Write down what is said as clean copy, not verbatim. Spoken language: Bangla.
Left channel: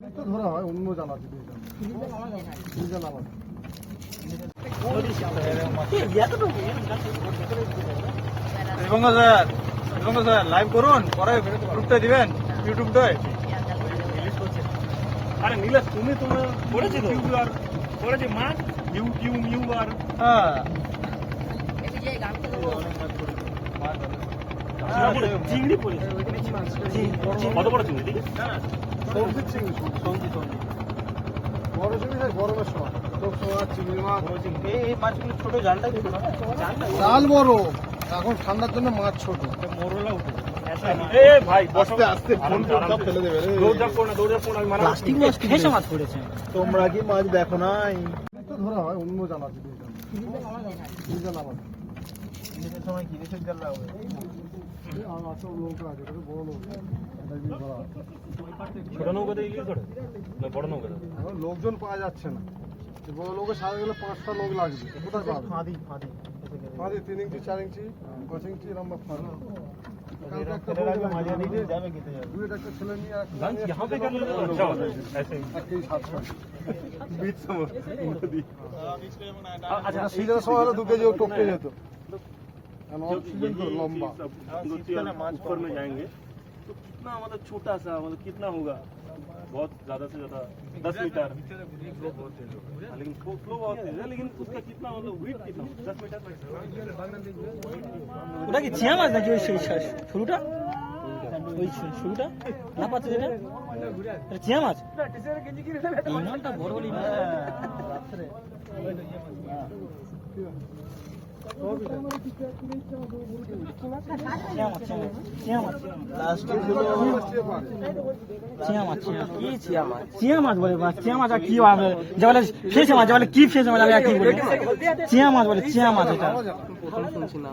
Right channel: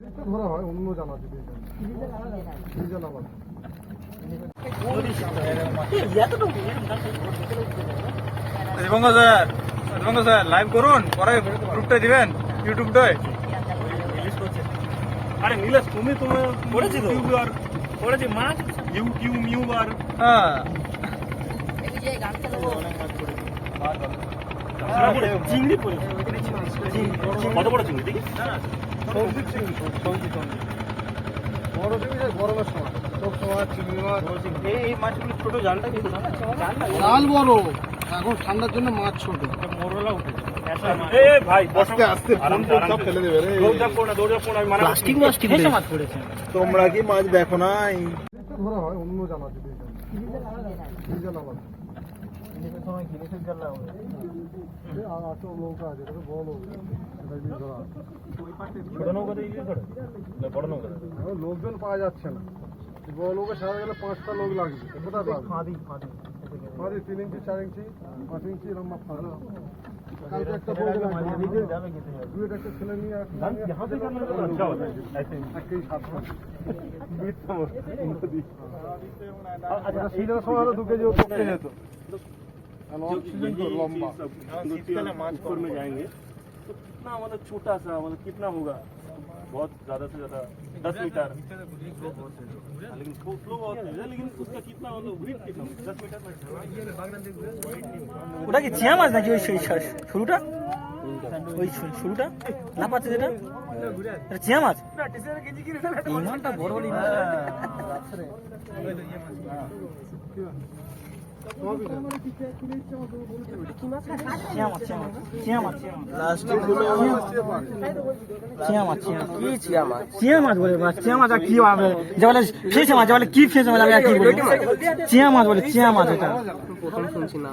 ধরা হয় অন্য জানাতে স্যার লাইভ করুন, পরে গ্রুপটা দিবেন ইউটিউবটায়। আরে নীলেশ, তুমি করেছি তো করেছি মাছ ইউ ইউ ইউ আর হ্যাঁ চিংড়ি করেছি। কত বড় চিংড়ি দেখি? সবজি চিংড়ি, সবজি বড় চিংড়ি গরমের সময় সব সময় চিংড়ি মাছ। এই মাছগুলো ছোট জালটা কিন্তু জাল বড়, এখন ঠান্ডার জন্য মাছ ছোট। মোরলা উঠে ভাই আস্তে আস্তে সব ফেলে দেবে রে। প্লাস্টিক মাছ ফেসে মাছ পড়েছে। তোমরা কি মাছ দেখো না? ধরা হয় অন্য জানাতে সময় কিনেছেন জাল লাগবে। আর আসল নৌকা আছে, বড় নৌকা, ছোট নৌকা দিয়ে ইয়ে করে না বড় নৌকা? লোকজন পাওয়া যাচ্ছে না। বড় নৌকা সারা গেলে 5টা লোক লাগবে। কোথায় পাবে? ফাঁদি 3 ইঞ্চি 4 ইঞ্চি 5 ইঞ্চি লম্বা ফাঁদি। কালকে একটা বউ যাবে কিনতে যাবে, দুইটা একটা ছেলে নিয়ে यहाँ पे कर लेते तो अच्छा होता है ऐसे ही। আর কেউ 7 बीच नदी। আচ্ছা, সিজনের সময় হলে 2 কেজি পড়তে যেত। আর অক্সিজেন তো লম্বা। ऊपर में जाएंगे तो कितना मतलब छोटा सा मतलब कितना होगा? बहुत ज्यादा से ज्यादा 10 मीटर, लेकिन फ्लो बहुत तेज है, लेकिन उसका कितना मतलब वेट कितना 10 मीटर? ওটা কি চিয়া মাছ নাকি? ওই শুরুটা, ওই শুরুটা না পাচ্ছে যেটা, এটা চিয়া মাছ। এই মাছটা বড় বড় মাছ। চিয়া মাছ বলে, চিয়া মাছ আর কি যে বলে ফেসে মাছ, বলে কি ফেসে মাছ, আমি আর কি বলি, চিয়া মাছ বলে, চিয়া মাছ। এটা প্রথম শুনছি না।